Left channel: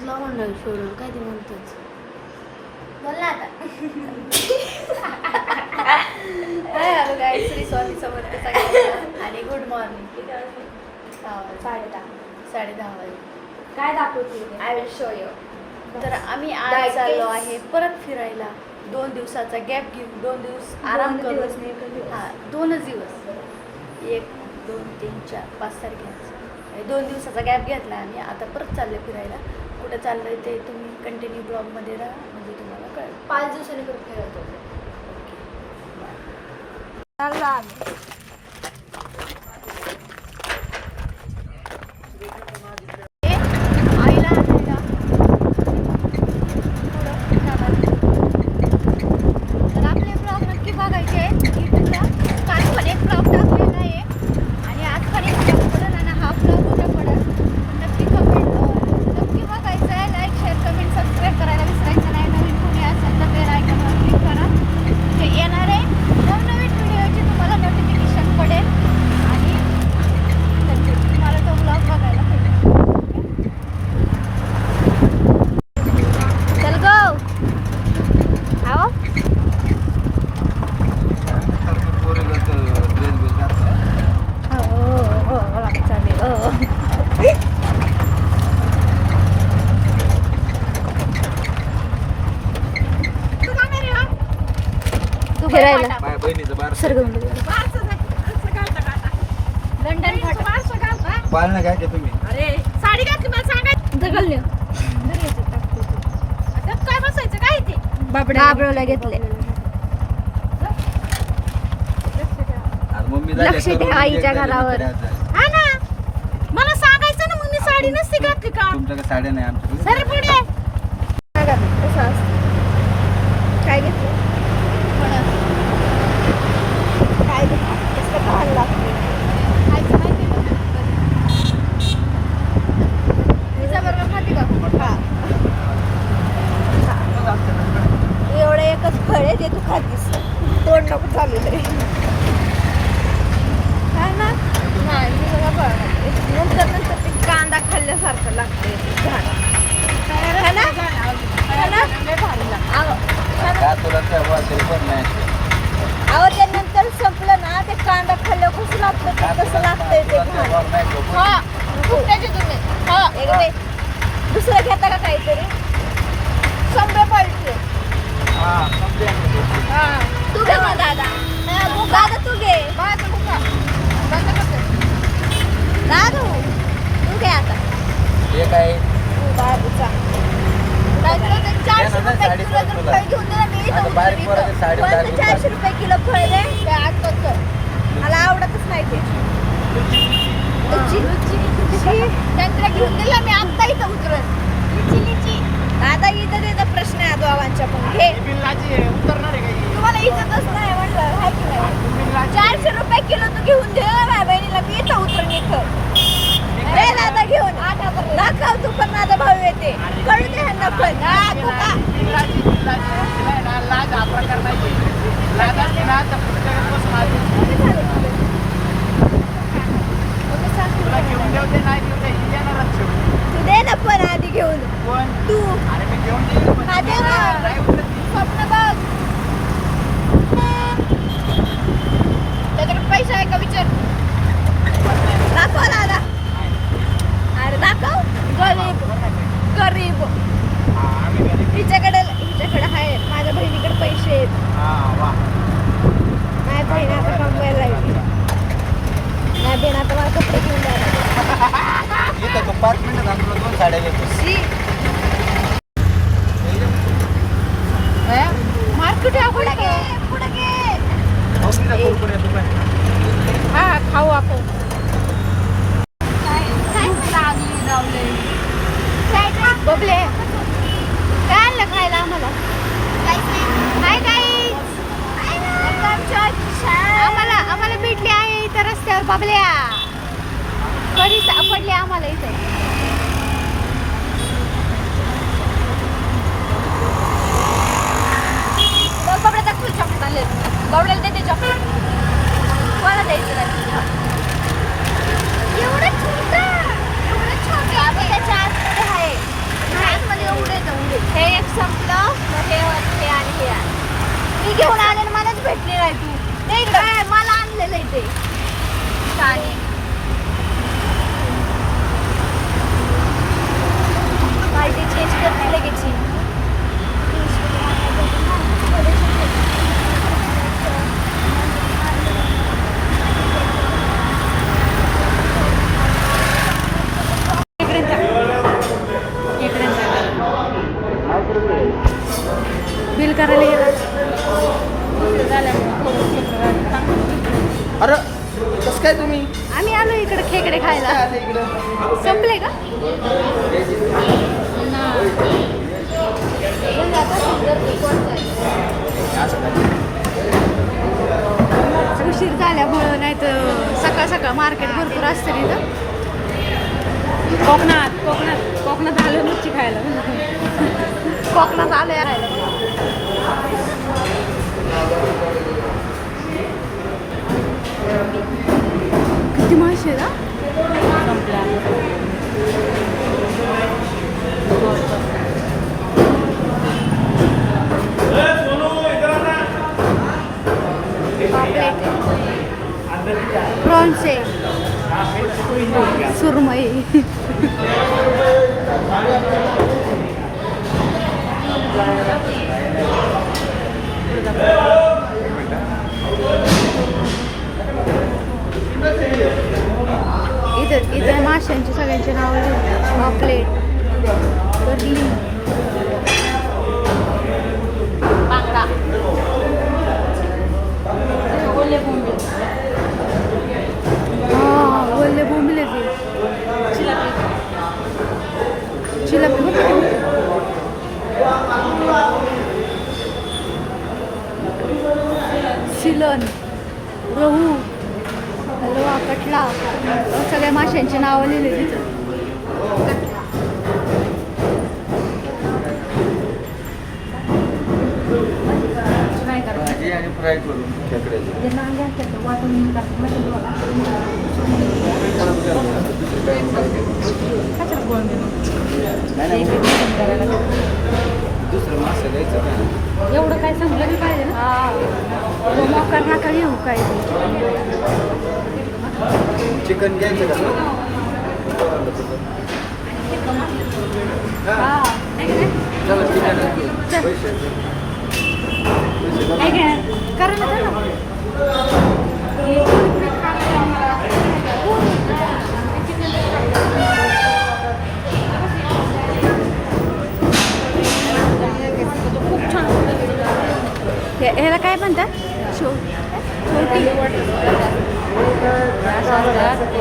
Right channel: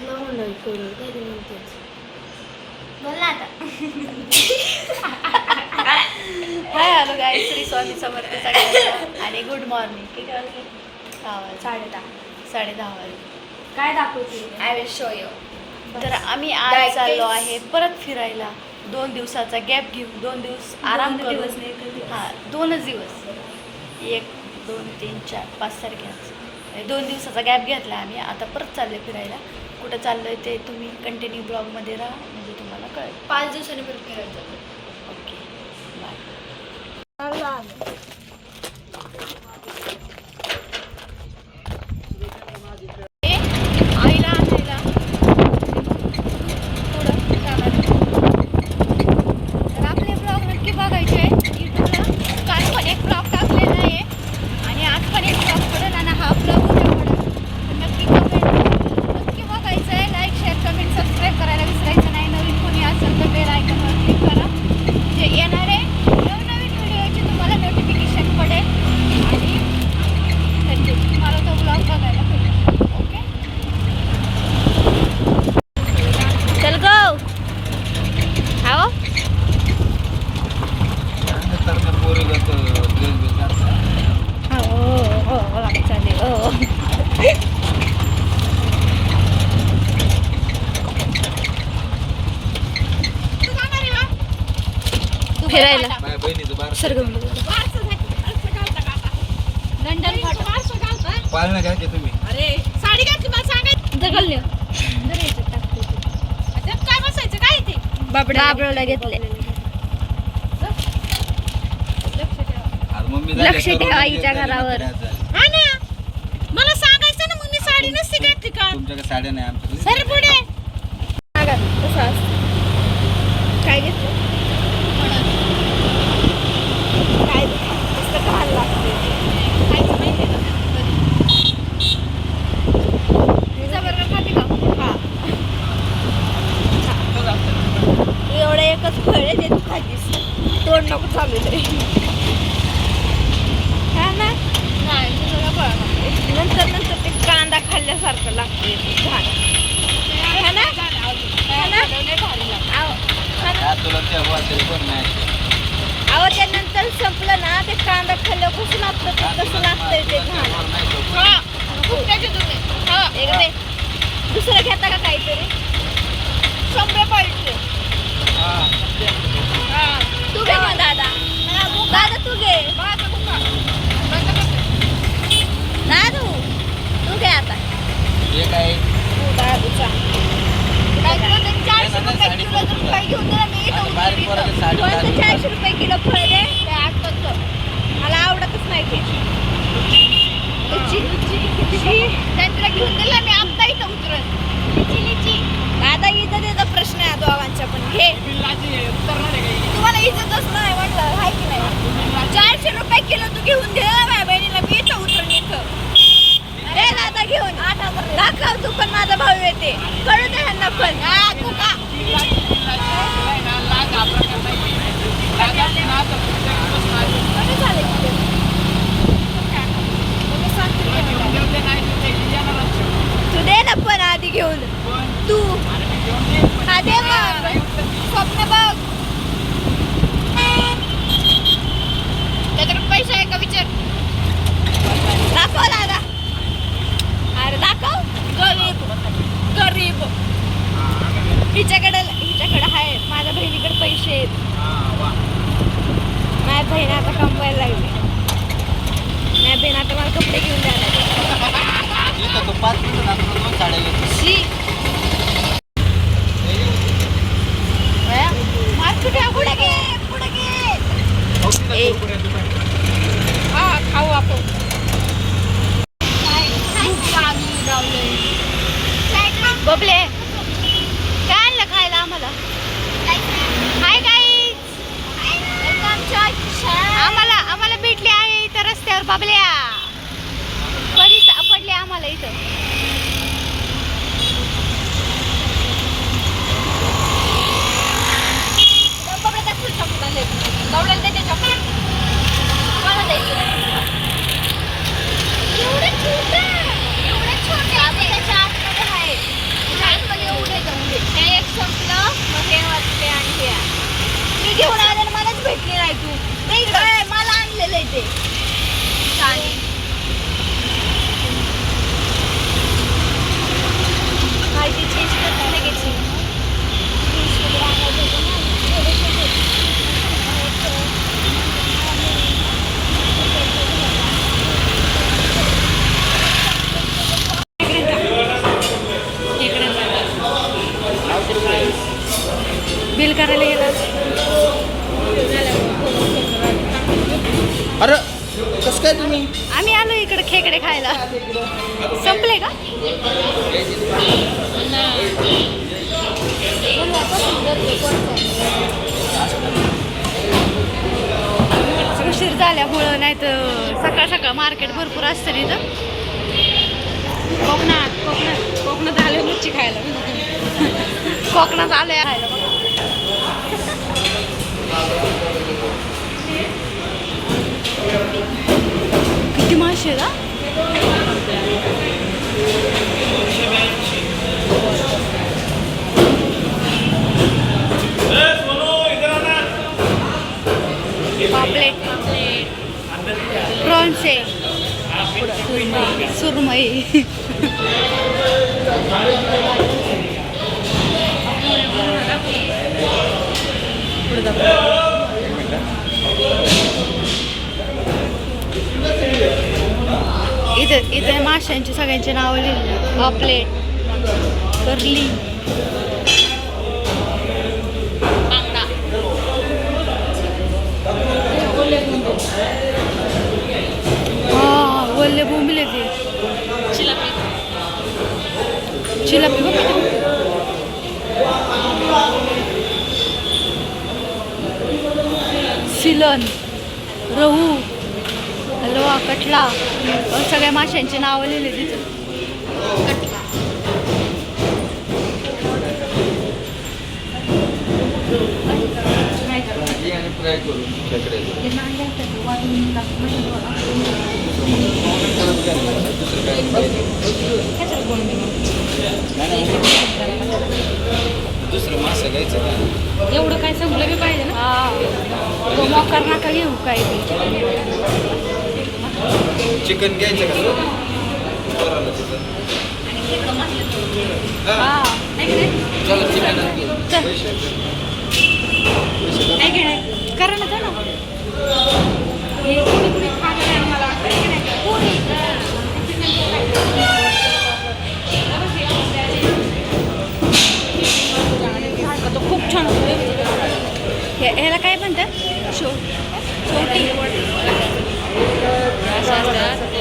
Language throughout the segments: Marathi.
सोडून कधी म्हणतेच बोल ना आता. हाय हॅलो गाईस, श्री स्वामी समर्थ सगळ्यांना आणि गुड मॉर्निंग. किती वाजले? 10 वाजले. 10:30 वाजले. काय दाखवते? I will show you. तर आम्ही आज चाललो आहे परत फिरायला. 2 दिवसाचा गॅप घेऊन 2 दिवस आराम करू. हां, 2च दिवस. 1 2 3 4 5 तारखेला 2 दिवसाचा गॅप घेतला आम्ही. आता परत चालले फिरायला. कुठं चाललोय ते तुम्ही कंटिन्यू ब्लॉगमध्ये राहा, म्हणजे तुम्हाला कळेल. 5 दिवसांनी परत फिरायला जातो. Okay bye. चाललो आम्ही. आईला आणायला पुढं जाणार. तर आपले ब्लॉग नक्की बघायचे. की पुढं काल पण एक ब्लॉग टाकलेला आहे आणि आज पण एक ब्लॉग पडेल आणि हा ब्लॉग उद्या पडेल. नक्की नक्की बघायचं आहे. लाईक शेअर कमेंट सबस्क्राईब करायला विसरायचं नाही. नवीन कोणी असेल तर बेल आयकॉनवर क्लिक करा. जे येणारे नवनवीन व्हिडिओचे तुम्हाला नोटिफिकेशन पडेल आणि तुम्हाला तो ब्लॉग बघायला पडेल. चल गो आओ. फिरायला सरगम लंडन पाळणं काय की तुम्ही? अरे साडी घातली मला सांगायचं जगल काय बसायचं काय ते बाबडोला घेतले. आज मम्मी लक्ष ठेवा आईच्या घरावर. हा ना, मला सांगायचं ना, मग मी साडी नसती घातली का? तुमच्याकडे साड्या नाही, आमच्याकडे सर पुढे कसं असतं? काय घेतलं? काय कसं घाल लागते खायचं माहिती का? पिझ्झा बर्गर खाते का? एवढं एकच फळ आहे ते तू खातीस. तोंड नको चालू तरी. हा ना, नाही मी सगळं फळ खाते. नंतर ते कांदा खाल्ल्यासारखं लागते झाड. हा ना, हा ना. तुला त्या वाटेल पण नाही. अहो ते नंतर संपलं ना, ते कांदा खाल्ल्यावर कसं लागतं ते कसं लागतंय ते झाड. हा खूप त्याचे तुम्ही हा एक दे. दुसरं घेता का काहीतरी? शंभर पाहिजे. हा तू घे मग दादा. दादा तू घे. दादू तू घे आता. हे काय? दादूचा 400 रुपये किलो जर फळ घेऊन दिलं मी इथं बारीक पोराची साडी पण घालून 400 रुपये किलो फळ दे. मला आवडतच नाही ते. त्यांना घेऊन दिला मी आता इथं उतरत. दादा इथं त्याचा प्रश्न आहे दोघांच्या पण. घे. तुम्हाला इज्जतच नाही म्हटलं हाय की नाही? 400 रुपये किलो तू घेऊन दे माझ्या बहिणीला. मी इथं उतरून इथं दे दादा घेऊन. दाखव तू पण माझा भाऊ येते. कळू दे ह्यांना पण. तू का कमी झाले किलो. कमी सांगते. तू दे ना पण आधी घेऊन. तू हा दे मग. स्वप्न बघ. त्याच्याकडे पैसे आहे का विचार? दाखव दादा. अरे दाखव. गरीब हिच्याकडे आहे. माझ्या बहिणीकडे पैसे आहेत. माझ्या बहीण आता कमवायला लागली. माझ्या बहीण आता मला कपडे घेऊन द्यायला. इथं तो 5 मिनिटं नंतर 2 साड्या घेतो. मार्केट पुढे घे. पुढे घे. खाऊ आपण. बबले काय आणलं खायला आम्हाला? हाय गाईज, आम्हाला भेटले आहे इथं रस्त्यावर बबल्या. कधी सापडले आम्हाला इथं. बबड्या दाखवून चॉकलेट आणले. बबड्याला देते चॉकलेट. कोणाला द्यायचं नाही. एवढं छोटं त्याच्या आतमध्ये आहे. मला आणलेलं आहे ते काय ते चेंज करते लगेच बिल करायला गेला. अरे कसं काय तुम्ही आम्ही आलो इकडे खेकडे खायला. संपले का? उशीर झाल्यामुळं नाही तर सकाळ सकाळ मार्केट भरपूर असतं इथं. कोकणात आले मच्छी खायला. कोकणात आले खायला. किती मासे आहेत हा? पापलेट, प्रॉन्स आहे, सुरमई. इथं माशांची सगळ्यांची नावं लिहिली. पापलेट, कर्ली, बांगडा हा वल्ले बोंबिले ते चिलापी बघ किती. सिलन, रहू, हलवा, कटला सगळ्या माशांची नावं लिहिली तिथं. आणि फ्राय करून खेकडे दुसरं मासे घ्यायचं. एवढं काय संपलं मी पाहिजे ना. हा मोकार नका घेऊ काय ते. चिकन घ्यायचं का हा चला चिकन चल. करा ना ना. खूप छान. ह्याला काय म्हणतात? शेवटी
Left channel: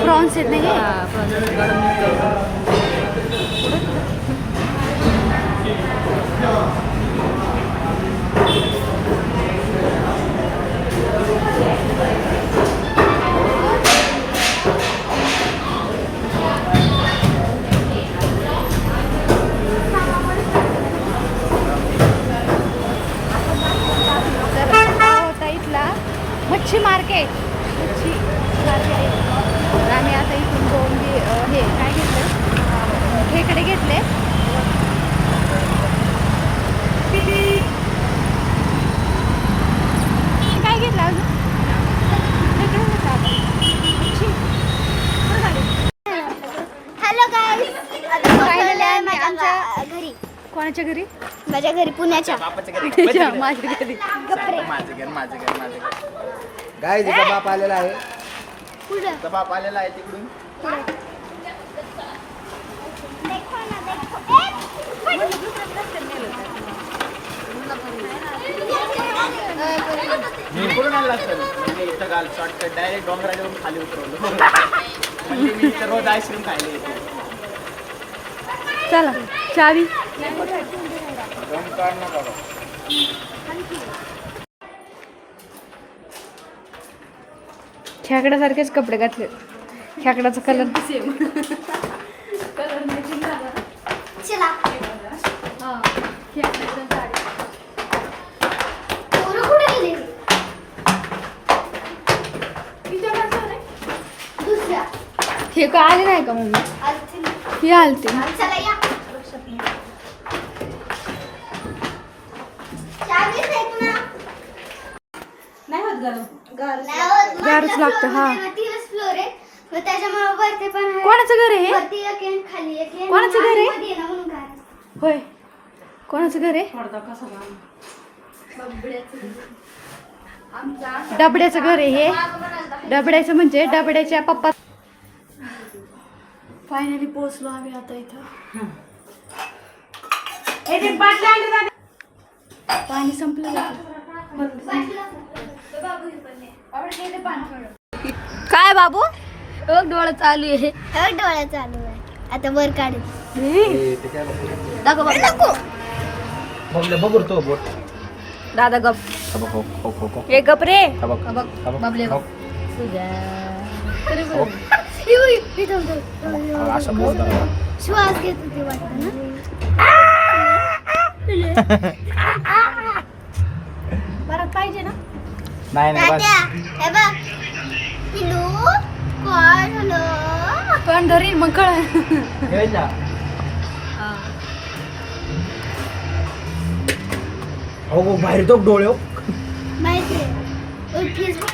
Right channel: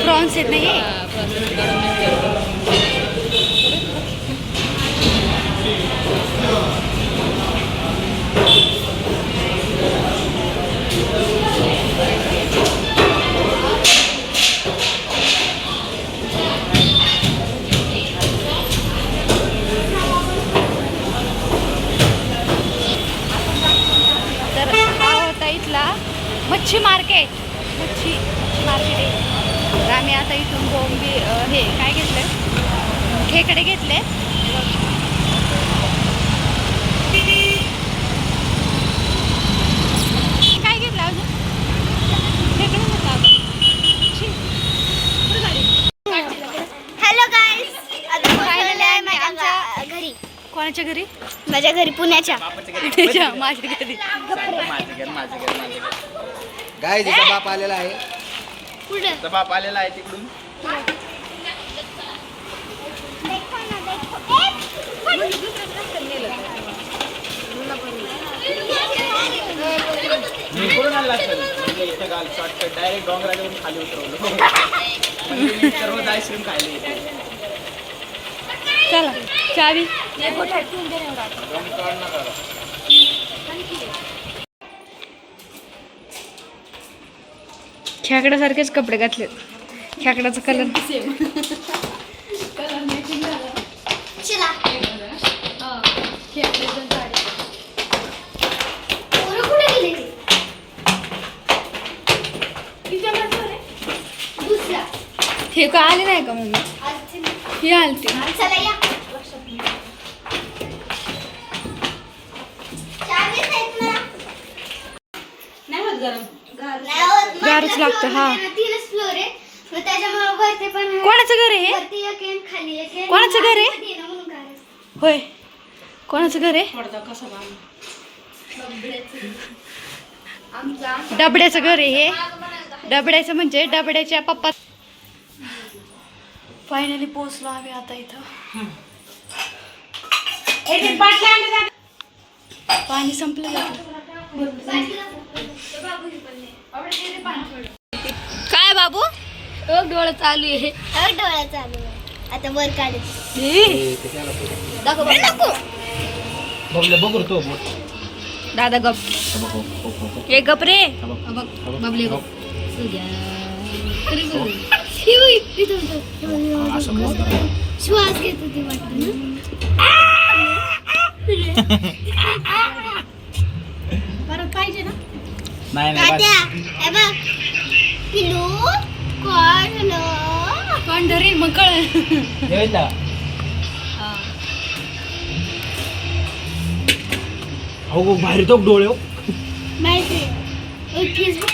प्रॉन्स आहेत नाही. मच्छी मार्केट आहे. तर आम्ही आता इथून बोंबी हे काय घेतलं, खेकडे घेतले. काय घेतलं अजून? हॅलो गाईज, फायनली आम्ही आमच्या घरी. कोणाच्या घरी? माझ्या घरी पुण्याच्या. माझ्या घरी. गाय तिचा बाप आलेला आहे. कुठे? तिचा बाप आलेला आहे तिकडून. कुठून आला असेल म्हणजे इथं गाल शॉर्टकट डायरेक्ट डोंगराला खाली उतरवलं. रोज आईस्क्रीम खायला येते. चला चावी. खेकड्यासारखेच कपडे घातले. खेकड्याचा कलर चला. पोरं कुठे गेली? दुसऱ्या हे का आले नाही का मम्मी? आलती. ही आलती. चला या. चावीस आहेत ना? नाही होत गरम. नाही गारच लागतं हा. 3च फ्लोर आहे मग त्याच्यामुळे वरती पण आहे. कोणाचं घर आहे हे? वरती एक आहे, खाली एक आहे. कोणाचं घर आहे? मध्ये ना म्हणून गार आहे. होय, कोणाचं घर आहे? डबड्याचं घर आहे हे. डबड्याचं म्हणजे डबड्याच्या पप्पा. फायनली पोहोचलो आम्ही आता इथं. पाणी संपलं काय बाबू डोळा चालू आहे. डोळा चालू आहे. आता वर काढ. दाखव बघ तो बोट. दादा गप हे गप रे बबले गो. असं बोट श्वास घेत होती वाटतं ना. बरं पाहिजे ना. नाही नाही तात्या, हे बघ. पिलू काय झालं? कोण धरील मग कळ. ना अहो बाहेर तो डोळे हो. माहिती आहे. फेसबुक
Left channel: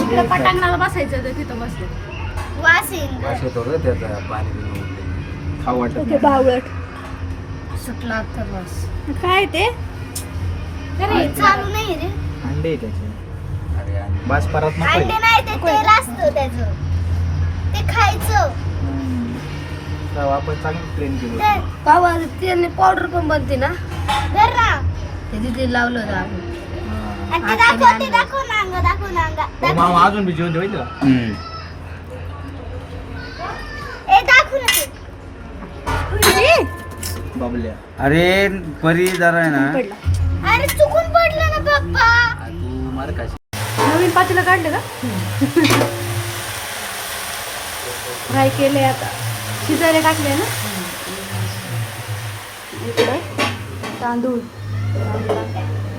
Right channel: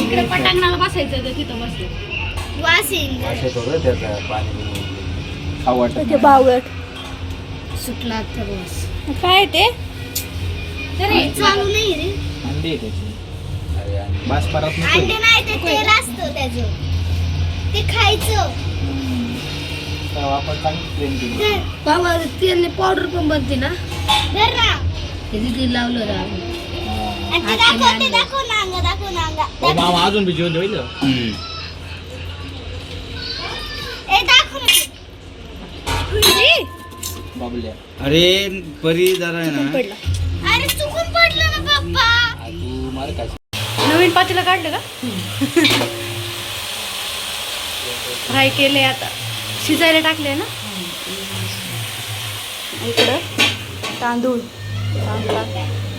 इकडे पटांगणाला बसायचं तर तिथं बसले. वासिंग ते बावळट सुटला तर बस. काय ते चालू नाही रे. अंडे त्याची बस परत अंडे नाही ते तेल असतं त्याचं. ते खायचं. आपण चांगलं प्लेन केलं. बाबा तेल पावडर पण बनते ना. धर ना. ते लावलं ना. आणि ते दाखव ना अंग, दाखव ना अंग. मामा अजून बी जेवण होईल. ए दाखव ना ते. बाबल्या अरे परी जरा आहे ना पडला. अरे चुकून पडलं ना पप्पा. तू मार काय नवीन पातेलं काढलं का? फ्राय केले आता शिजायला टाकले ना. इकडं तांदूळ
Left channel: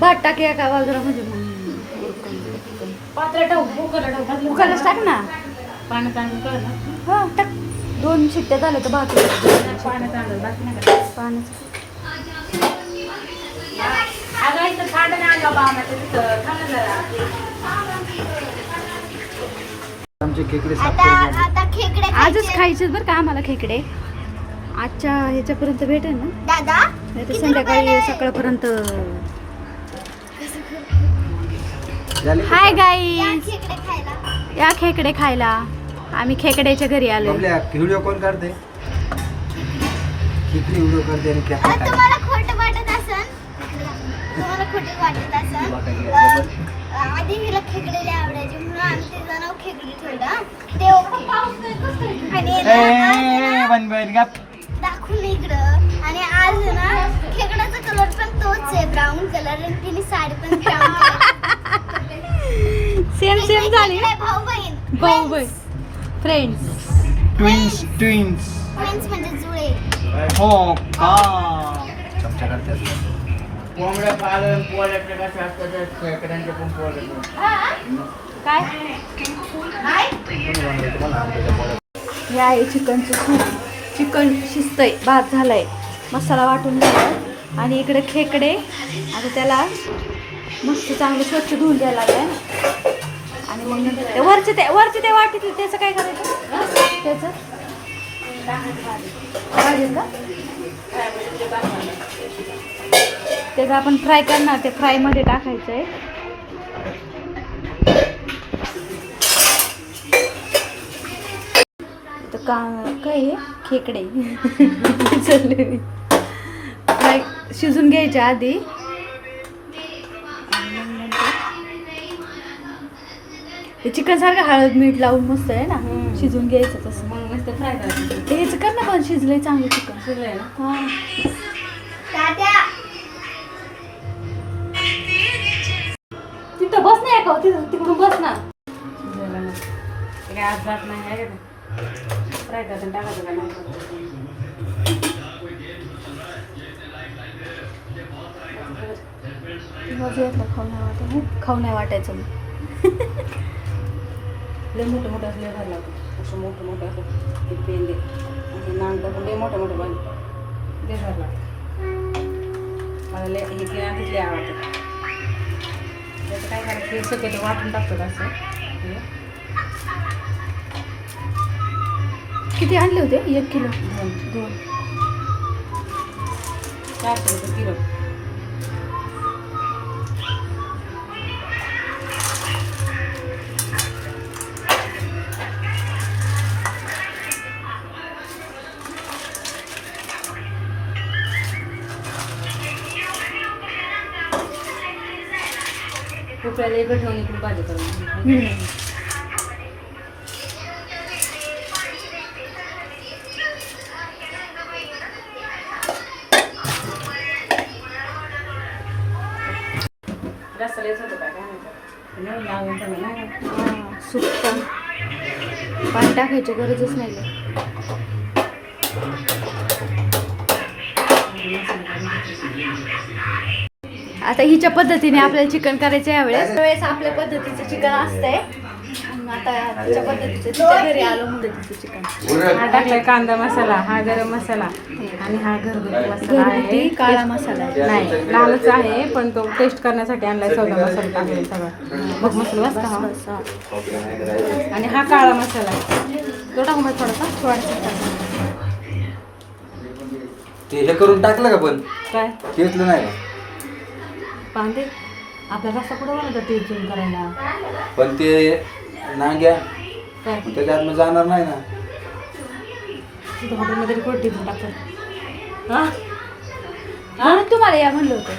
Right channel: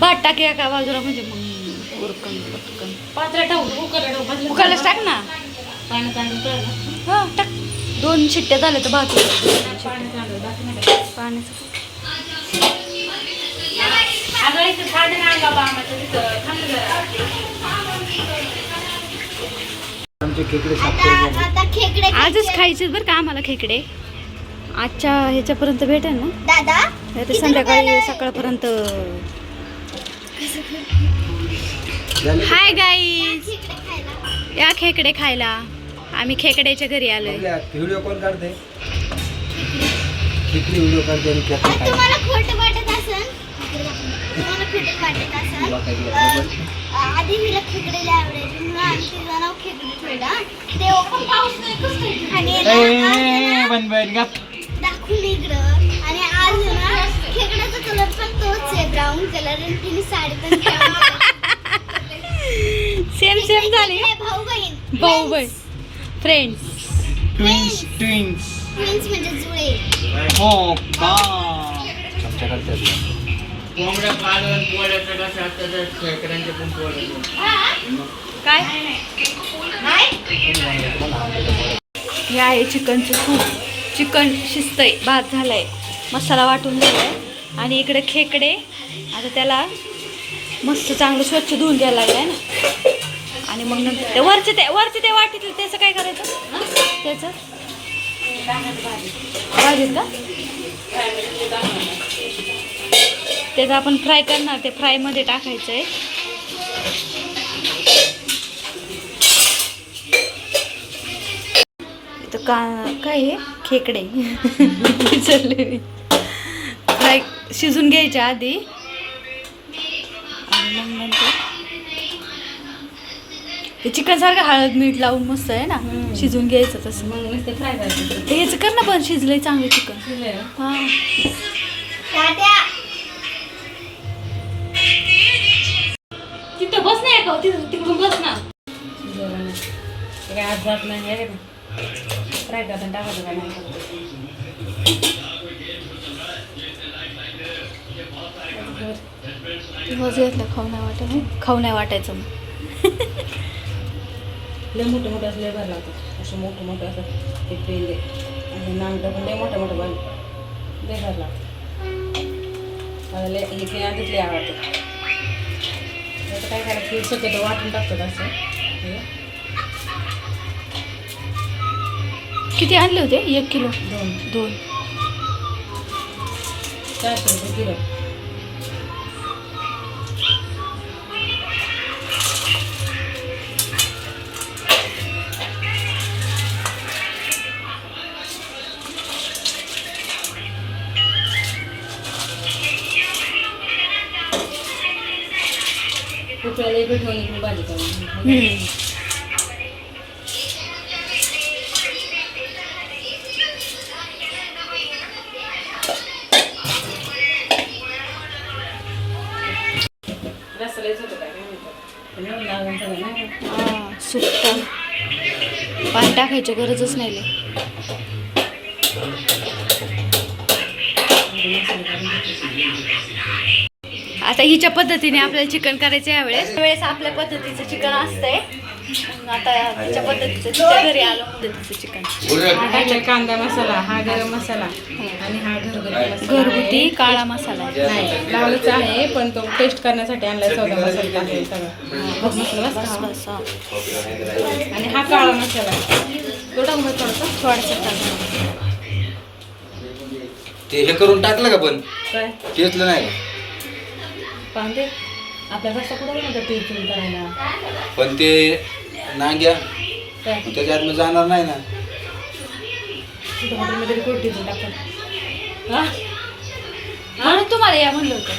भात टाके एका बाजूला म्हणजे मग उरकन पटकन कुकरलाच टाक ना. हो टाक. 2 शिट्ट्या झाल्या तर भात पाण्याचं आमचे खेकडे साफ आता करून आता खेकडे आजच खायचे बरं का आम्हाला खेकडे. आजच्या ह्याच्यापर्यंत भेटेल ना. दादा नाही तर संध्याकाळी सकाळपर्यंत. झाले. हाय गाई, खेकडे खायला. या खेकडे खायला. आम्ही खेकड्याच्या घरी आलोय. व्हिडिओ कॉल करते किती व्हिडिओ करते आणि खेकडे आणि काय तुम्हाला खोटं वाटत असेल. तुम्हाला खोटं वाटत असेल. आधी मला खेकडे लय आवडायचे म्हणून आम्ही ते जणाव खेकडे ठेवला. ते पाऊस नाही कसं आणि दाखवून इकडं. आणि आज ना खेकड्याचा कलर पण तोच आहे, ब्राऊन कलर. आणि तिने साडी पण brown color. सेम सेम झाली. भाऊ बहीण. भाऊ बहीण फ्रेंड्स. ट्विन्स फ्रेंड्स म्हणजे जुळे. हो का चमचा करतात कोंबड्या पालन पोळ्याचं कसं असतं खेकड्यांचे पण पोळ्याचं. काय हे आहे चिकनचं सूप. चिकन शिजतंय, भात झालाय, मसाला वाटून झालाय. आणि इकडे खेकडे आता त्याला मस्त चांगलं स्वच्छ धुवून द्यायला लागलाय ना. आणि मग नंतर ते वरचे ते वाटीतलं त्याचं काय करायचं? त्याचं भाजीत का त्याचं आपण फ्राय करणार. ते फ्रायमध्ये टाकायचं आहे. इथं काय हे खेकडे विसरले मी. फ्राय शिजून घ्यायच्या आधी आणि मग नंतर ते चिकन सारखं हळद मीठ लावून मस्त आहे ना शिजून घ्यायचं. तसं ते ह्याचं कर ना पण शिजलंय चांगलं चिकन. हां तिथं बस नाही का तिकडून बस ना. दिवस घेतलं खाऊ नाही वाटायचं मग. लय मोठं मोठं असं लय भारी लागतं. असं मोठं मोठं असं ते पेंदे असं नाम टाकून लय मोठं मोठं भारी लय भारी लागतं. मला लय हे केल्यानंतर लय आवडतं. आता काय करायचं हे शक्यतो वाटून टाकतात असं हे. किती आणले होते? 1 किलो? 2. 400 रुपये किलो. रुपयाला एक ठेवून इकडून भाजी करून रस्ता येत होतं काय हां, सुट्टा. पाणी टाकायची गरजच नाही लय. आता हिच्या पद्धतीने आपल्याला चिकन करायचं यावेळेस आपल्या पद्धतीचं चिकन असतंय. आता तिच्या पद्धतीचं तिच्या घरी आलो म्हणते तिचं चिकन. हा टाकला कांदा मसाला, हा गरम मसाला आणि हा घरगुती काळा मसाला आहे. नाही लालच आहे पण तो टेस्ट करण्यासाठी आणलाय सगळा मसाला केलेला सगळा बस मसाला नसता हा. बस, हां. आणि हा काळा मसाला थोडा मसाला थोडासा टाका. ते हे करून टाकलं का पण काय केसलं नाही का? पाहते आपला जास्त कुठं बनवतो टेस्ट करायला पण ते नांग्या काय त्याच्यात मग जाणार नाही ना. तिथं हॉटेलमध्ये रिपोर्ट टिपून टाकतात हा म्हणून तुम्हाला या म्हणलं होतं.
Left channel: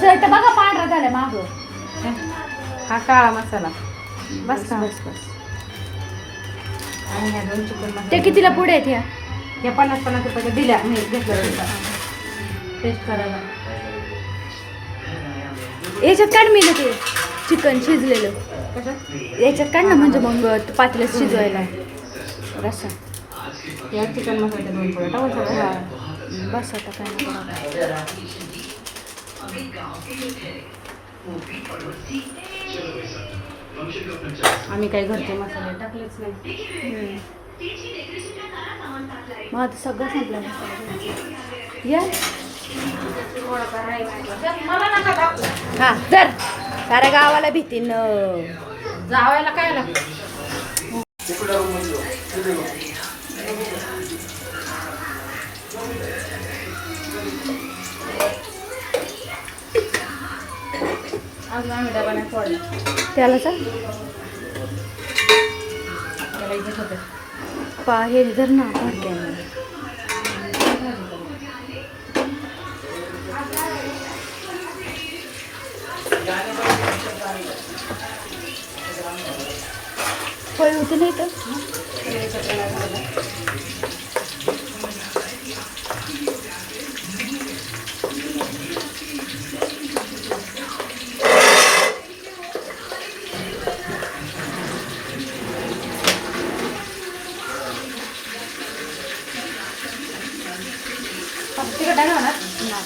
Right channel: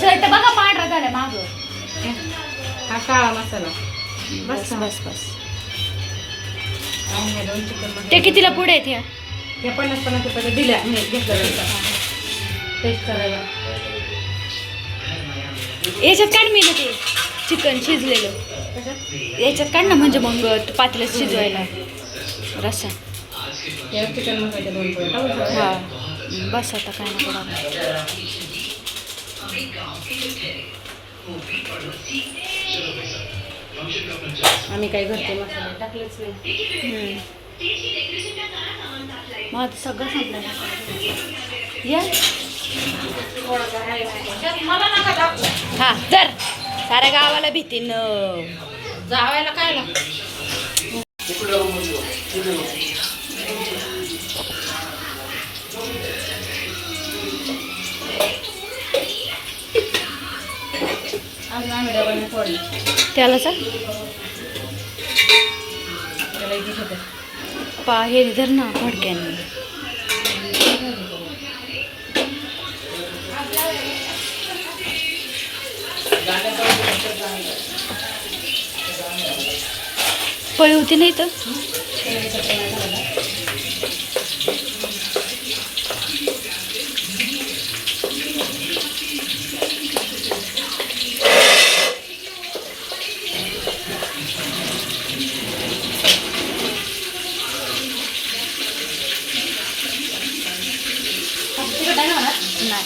शर्ट बघा पांढरा झाला मागं. हा काळा मसाला बस बस बस. आणि ह्या 2 चिकन मसाले. ते कितीला पुढे आहेत ह्या? या 50-50 रुपये दिल्या मी घेतलं टेस्ट करायला. याच्यात काढ मी ते चिकन शिजलेलं कशात याच्यात काढ ना, म्हणजे मग पातेल्यात शिजवायला रस्सा. या चिकन मसाले 2 पोळ्या टाकून टाका. हा बस आता काय नको बाबा. आम्ही काही घरचे मसाले टाकलेच नाही. मग आता सगळं संपलं या. हा तर साऱ्या गावाला भीतीन जावायला काय लागतं आज आम्ही डबा नाही फोडला त्याला सर त्याला इथे होतं पा हे धर ना फडक्याने. फळी होती नाही तर तिकडे नाही होणार नाही.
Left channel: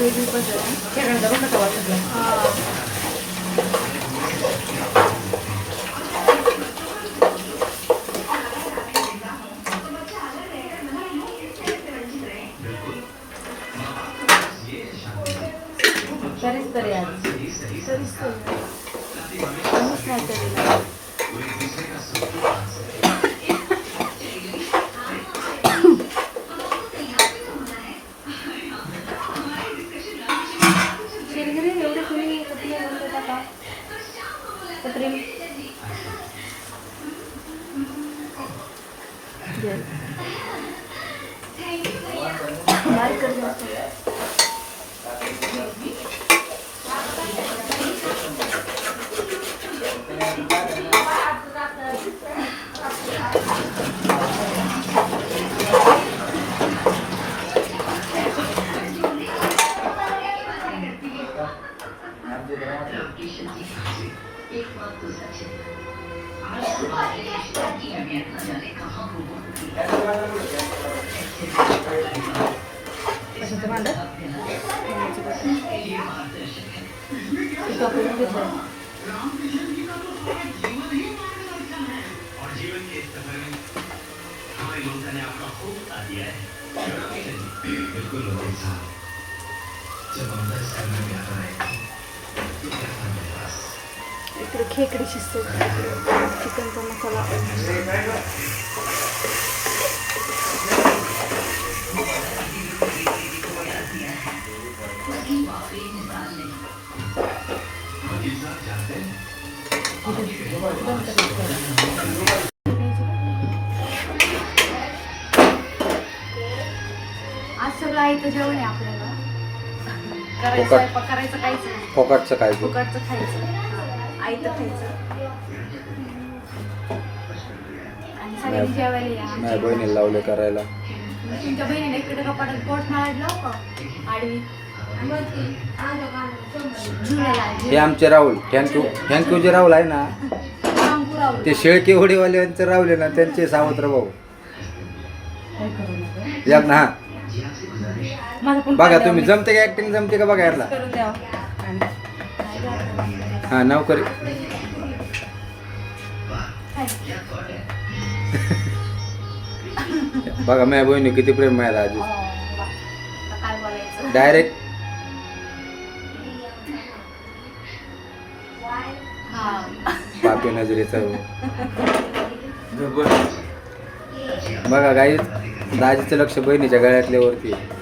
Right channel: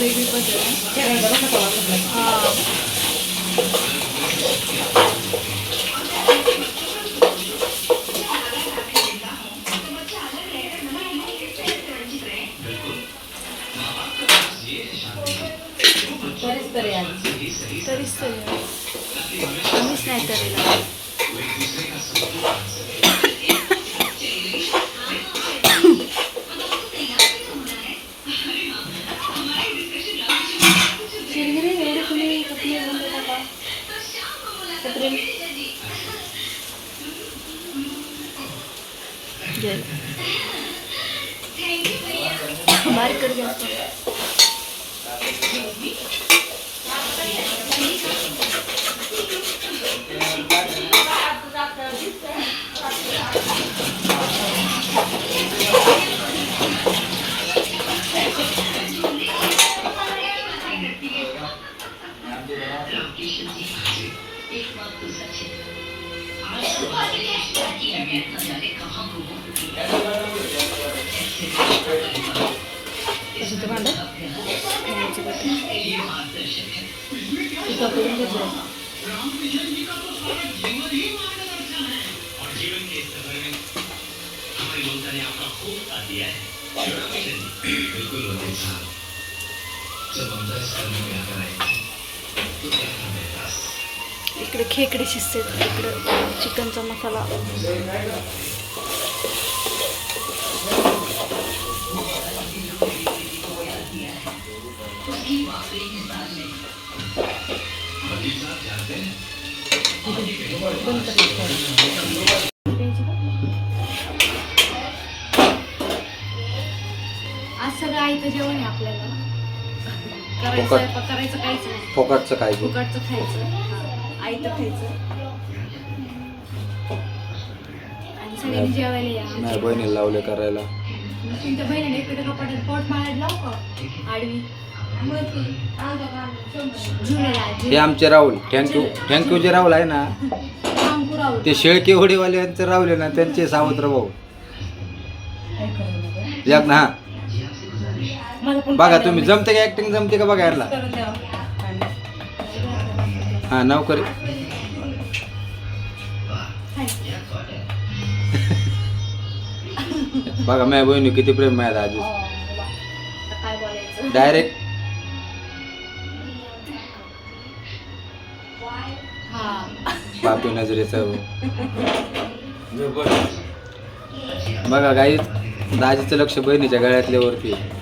वेगळी पद्धत आहे. शेगावचा बघा का वाटलं तरीच तरी आज तरीच कमीच नाही तरी बारीक कर जास्त. असं ते भांडं खाण्याचं बटन. इथं आपण घेतलं. इकडे खेकडे शिजते, इकडे चिकनचा मसाला. आज सगळं आयतं जेवण आहे आपल्याला. करायचं फुकट. स्वयंपाक करायचं काहीच नाही. फोकाटचं काय ते? फुकटचं खायचं, आयतं खायचं आणि सगळ्यांनी जेवायला या. नाही बहिणीला लावले करायला. तुमच्या बहिणीने इकडे कपाटात पोट मारायला लावू का आडवी? झुलेला हे आमचे राहुल, थँक्यू जे राहुल आहे ना, ते शेळके होडीवाल्यांचे राहुल आहे ना, त्यांचे सावत्र भाऊ. काय करू नका. एक ना. हा मला पण बघा तुम्ही, जमते का ऍक्टिंग, जमते का बघा यारला. करून द्यावं. हा नोकरी. बघा माझ्या बहिणी किती प्रेम आहे आजी. काय बोलायचं. डायरेक्ट हा पापी नजरेचं. बघा गाईच, दाजीचं लक्ष बहिणीच्या गळ्यातल्या वरती आहे.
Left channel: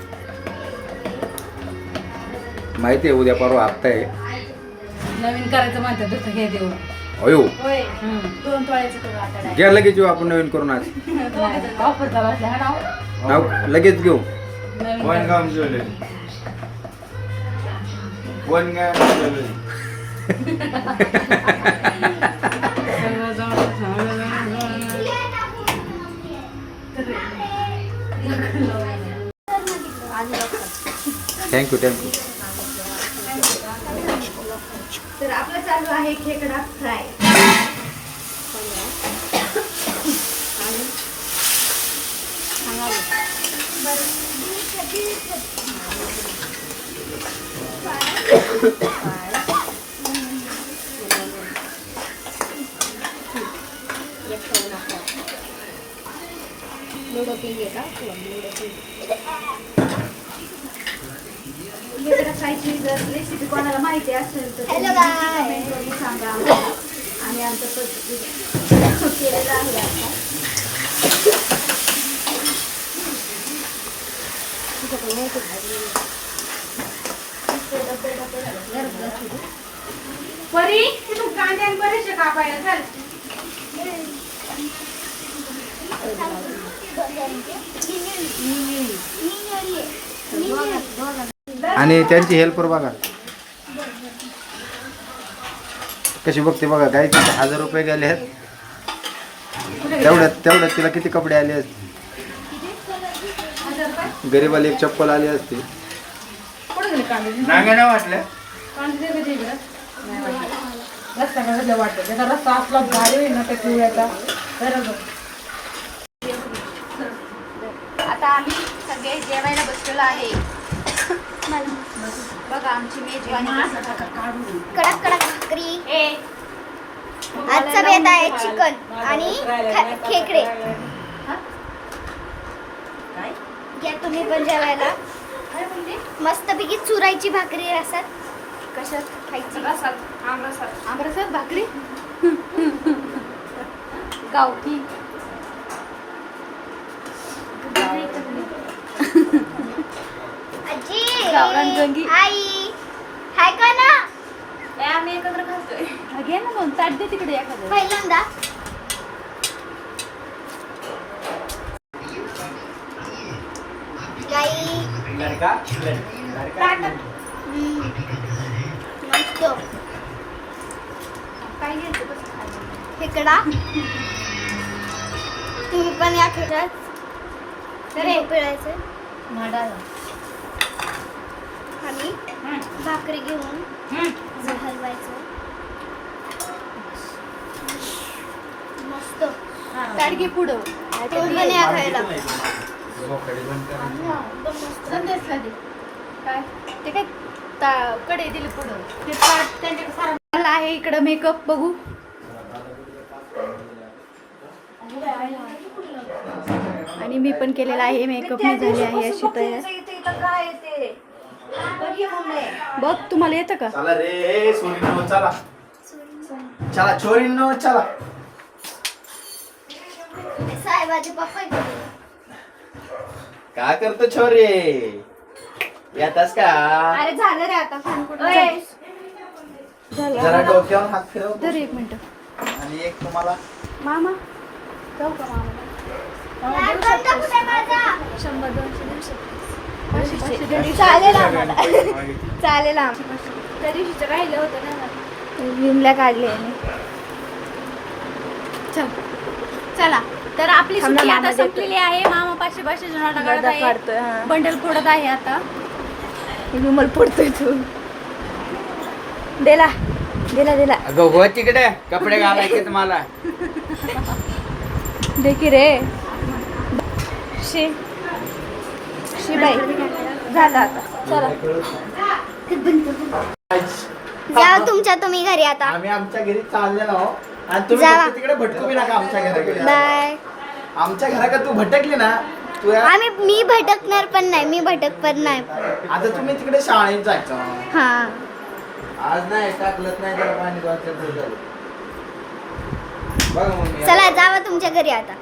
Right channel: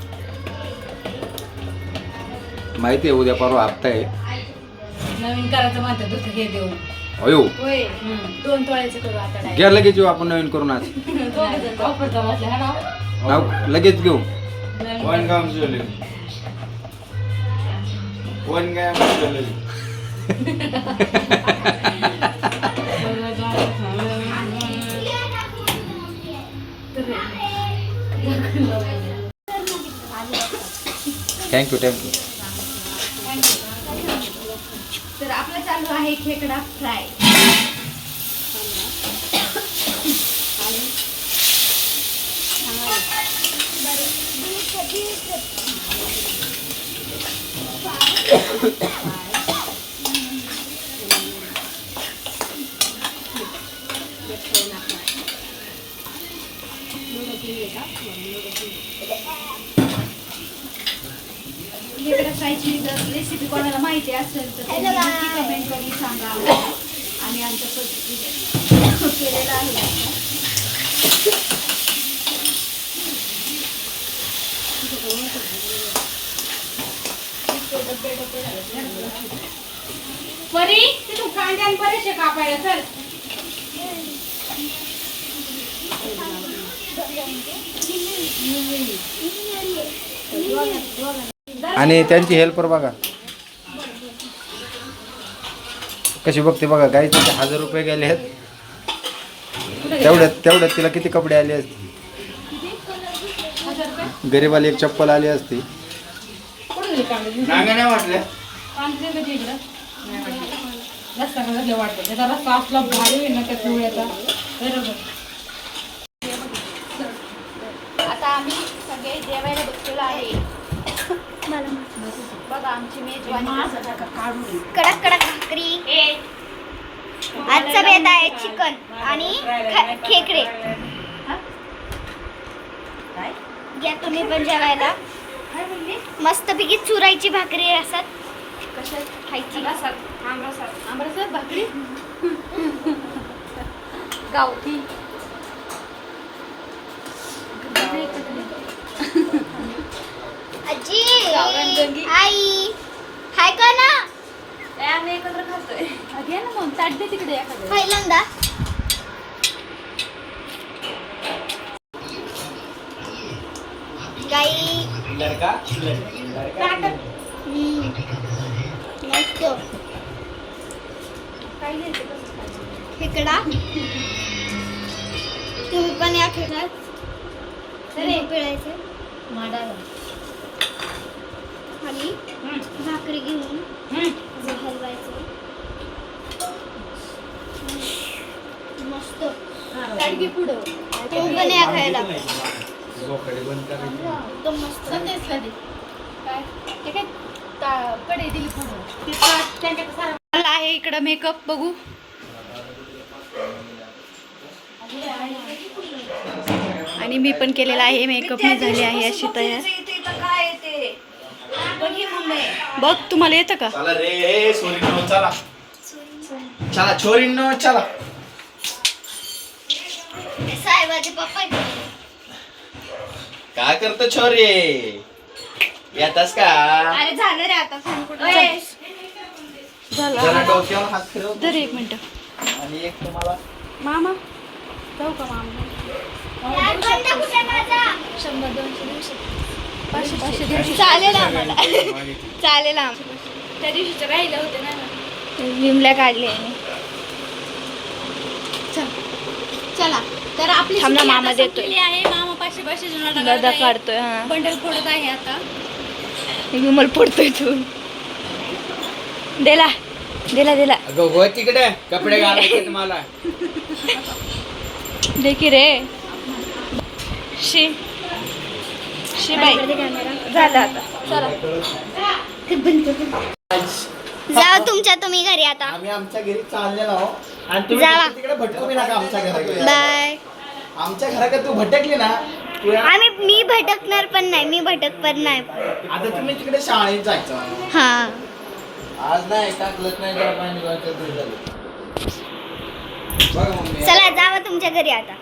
माहिती आहे उद्या परवा हप्ता आहे. नवीन करायचं म्हणतात दुसरं हे देऊन. अयो होय, 2 तोळ्याचं करू आता direct. घ्या लगेच येऊ आपण नवीन करून. आज ऑफर चालू असल्या हा नाव. नाव लगेच घेऊ. थँक्यू. तर आपलं चालू आहे खेकडा फ्राय. खेकडा फ्रायची जर रेसिपी कोणाला माहिती असेल तर Hello, तुम्ही bye. कमेंट करून सांगा आम्हाला. आणि आमच्या पद्धतीने केलेलं आहे आता. परी तू कांद्यान बरेचसे कापायला चल. आणि त्यांची हेल्पर बघा कशी बघते बघा. गाईचे 1000 रुपये गेले आहेत. तेवढ्यात तिला किती कपडे आले असते. गरीबाला एक चप्पल आली असते. कुठे गेले कांदे? नाही वाटलं. कांदे कधी इकडं? रस्ता कसं वाटतं त्याचा रस्ता आपला भारी होईल ना त्या पिवळ्याचा. बरोबर. आता आम्ही सगळे जेवायला बसलेलो आहे. बघा आमची मेजवानी. कडक कडक भाकरी. आजचा बेत आहे चिकन आणि खेकडे. या तुम्ही पण जेवायला. मस्तपैकी चुरायची भाकरी असतात, कशात खायची. आमरसात भाकरी गावठी. आजी, गावरान जंगी. आई हाय का ना. आम्ही एकत्र खातोय. घे ना मग ताट दे तिकडे एखादं. पहिल्यांदा गाई मस्त खेकडा. तुम्ही पण या खेकड्यात पिळायचं माडाला आणि भाकरी घेऊन हलवायचं. गाडगी पुढं तो पण या खायला संदेशला दे काय ते काय कडे दिली पुढं ते त्यांच्याकडे सारा आहे इकडं मेकअप बघू आणि मी पण केलेला आहे मेकअप मी झाली आहे अशी तयार काय येते बघ तुम्हाला येतं का चला रे सोरीनो चला चला छोरीनो चला साहेबाचे पप्पा काय करतो छोरी येतास का अरे झालं रे आता सांग कुठं झालं जरा डोक्यावर हात फिरव तर एक मिनिट आणि एक तुम्हाला मामा जाऊ का मामा चालेल आम्हाला चालेल आम्हाला त्या दिवशीचं राहिलं होतं ना विमल्या काढले आणि चला तर आपली थांब ना, सुट्टी मामा आता देतोय. संपलेली आहे मामा पाचशे गदा काढतोय हा बंडल फोडत आहे आता विमल पडतोय तू दिला दिला दिला अगं हो तिकडे कपडे घालायचे तुम्हाला देखी रे शी बाई झालं आता चला जा तुमच्या तुम्ही घरी आता आम्ही आमच्या घरी चाललेलो आहोत आणि तुम्ही जावा. फक्त तिकडे भटकू बी नका आमच्या घराकडे बाय आमच्या घराकडे तू भटकली ना तू मी भटकणार पण नाही मी भटक पण नाही आता तुम्ही तिकडे शाळेत जायचं हा आज नाही टाकलंच नाही जरा पाणी वाचायचं झालं. बघा मम्मी चला जावा तुमच्या घरी आता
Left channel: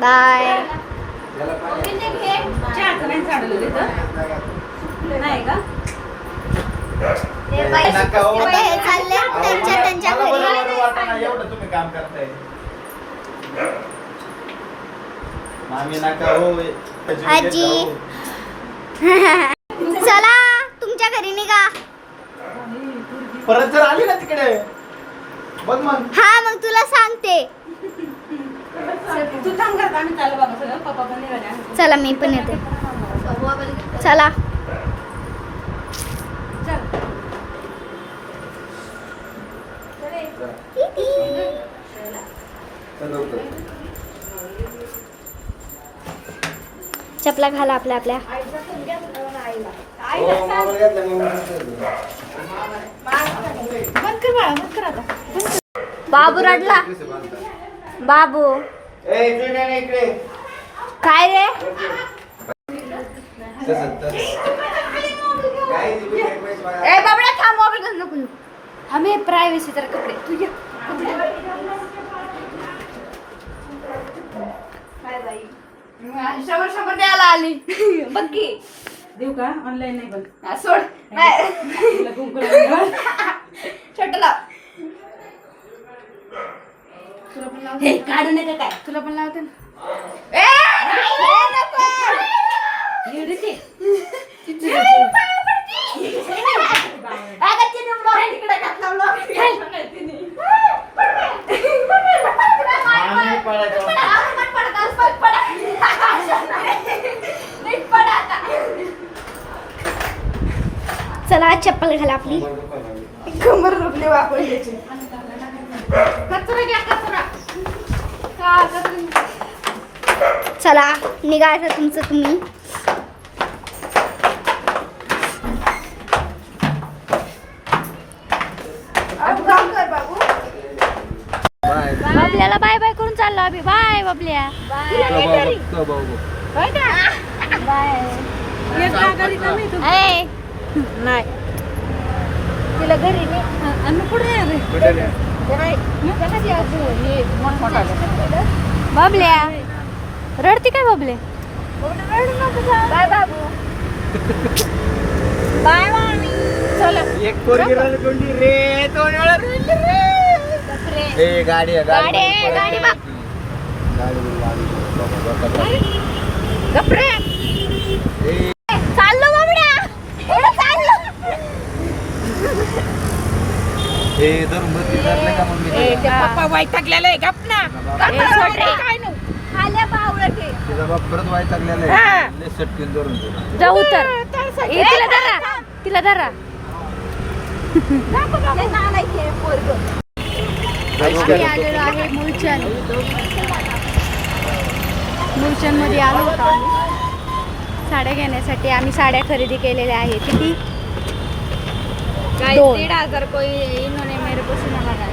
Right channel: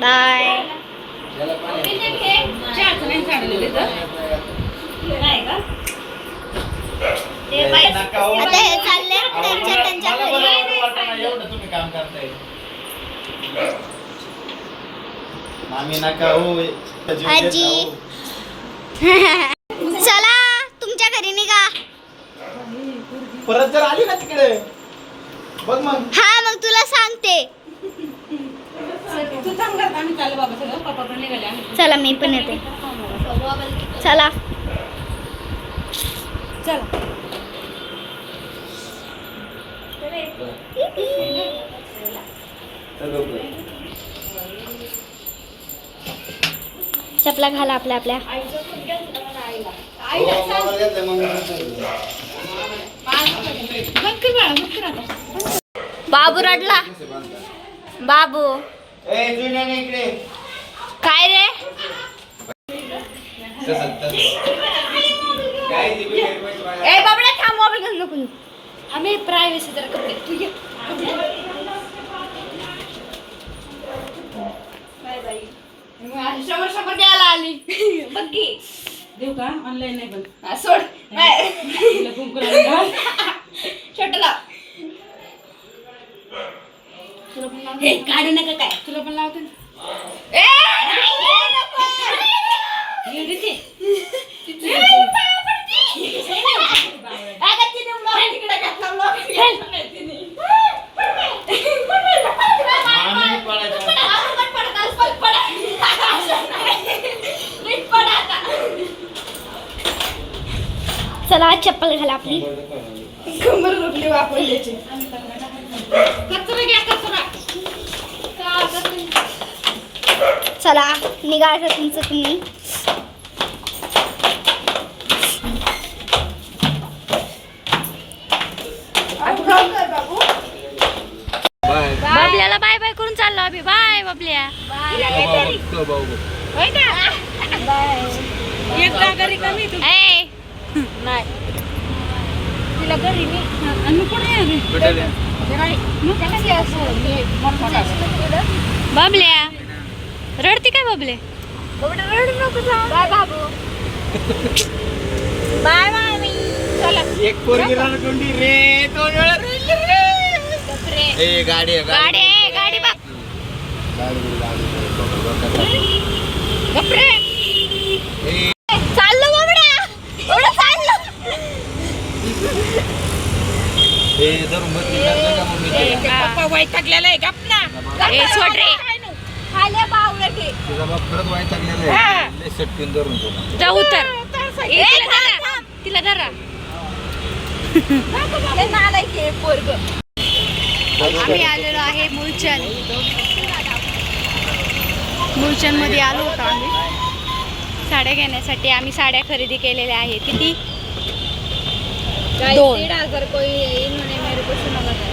बाय याला पाणी चहाचं नाही काढलेलं तर नाही का नका हो. आता हे चालले त्यांच्या मला घरी बरं वाटतं नाही, एवढं तुम्ही काम करताय मामी नका हो आजी. चला तुमच्या घरी निघा परत जर आली ना तिकडे बघ मग हा मग तुला सांगते तू थांब घरात आम्ही चालू बाबा सगळं पप्पा पण निघाले आम्ही चला मी पण येते चला चपला घाला आपल्या आपल्या बाबू रडला बाबू ए तू नाही ना इकडे काय रे ए बाबड्या थांब मोबाईल घेऊन नको आम्ही प्रायव्हसी जरा कपडे तू ये समोर द्यायला आली बघ की देऊ का ऑनलाईन नाही पण हा, सोड नाही तिला कुंकू लावून घाल. छोट लाव हे काढू नका काय तुला पण लावते ना ए नको. एवढी ती. अगं तिने मोबाईल तिकडे घातला मामी पडायचं चला आज चप्पल घाला आपली कमर रुपली वापरून द्यायची कचरा घ्या कचरा चला निघायचं तुमचं तुम्ही बाय बाबल्याला बाय बाय करून चाललो आम्ही बाय बाबल्या ए नाही तिला घरी नाही आणि पुढे ये रे. बाबल्या रडती काय बाबले बाय बाबू बाय मामी एक पोरगी रडकुंडी रे 2 वेळा रडली रे ए गाडी आहे, गाडी आहे, गाडी बघ गाडी चाललो बाबड्या एवढं चाललो हे धरून बसली धरलं का मग मी पप्पा वैतागलेला आहे गप ना ए सोड रे आल्या बावळटे तुझा बाप खरंच वाईटागलेला आहे लय सटकून धरून तुला जा उतर ए, तिला धरा नालायक आहे पोरगं आम्ही आलेलो आहे मुलचंद मुलचंदमध्ये आलो होतो आम्ही साड्या घेण्यासाठी. आम्ही साड्या खरेदी केलेल्या आहे. किती? 2. 1,500 कोई इन्होंने मेरे को सुना लगा,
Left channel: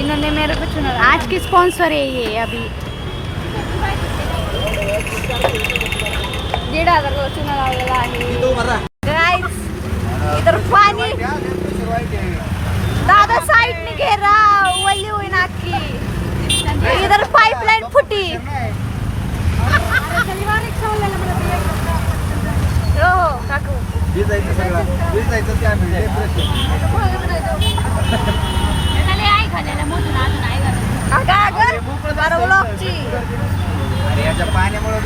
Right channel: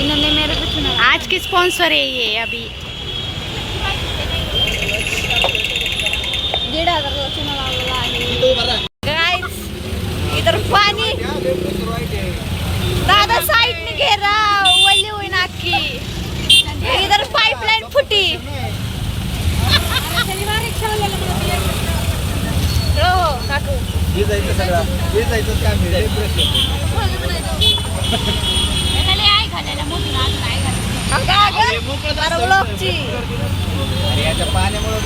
इन्होंने मेरे को सुना लगा। आज की स्पॉन्सर है ये अभी. 1,500 का चुना लावलेला आहे. गाइस इधर पानी, दादा साइड ने घे रहा, वल्ली हुई नाकी. इधर पाइपलाइन फुटी. हो काकू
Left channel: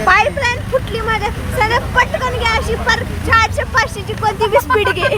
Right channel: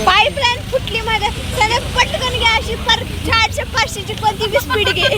पाईपलाईन फुटली मध्ये सगळं पटकन घ्या अशी पर 400-500ची कोणती बी स्पीड घे.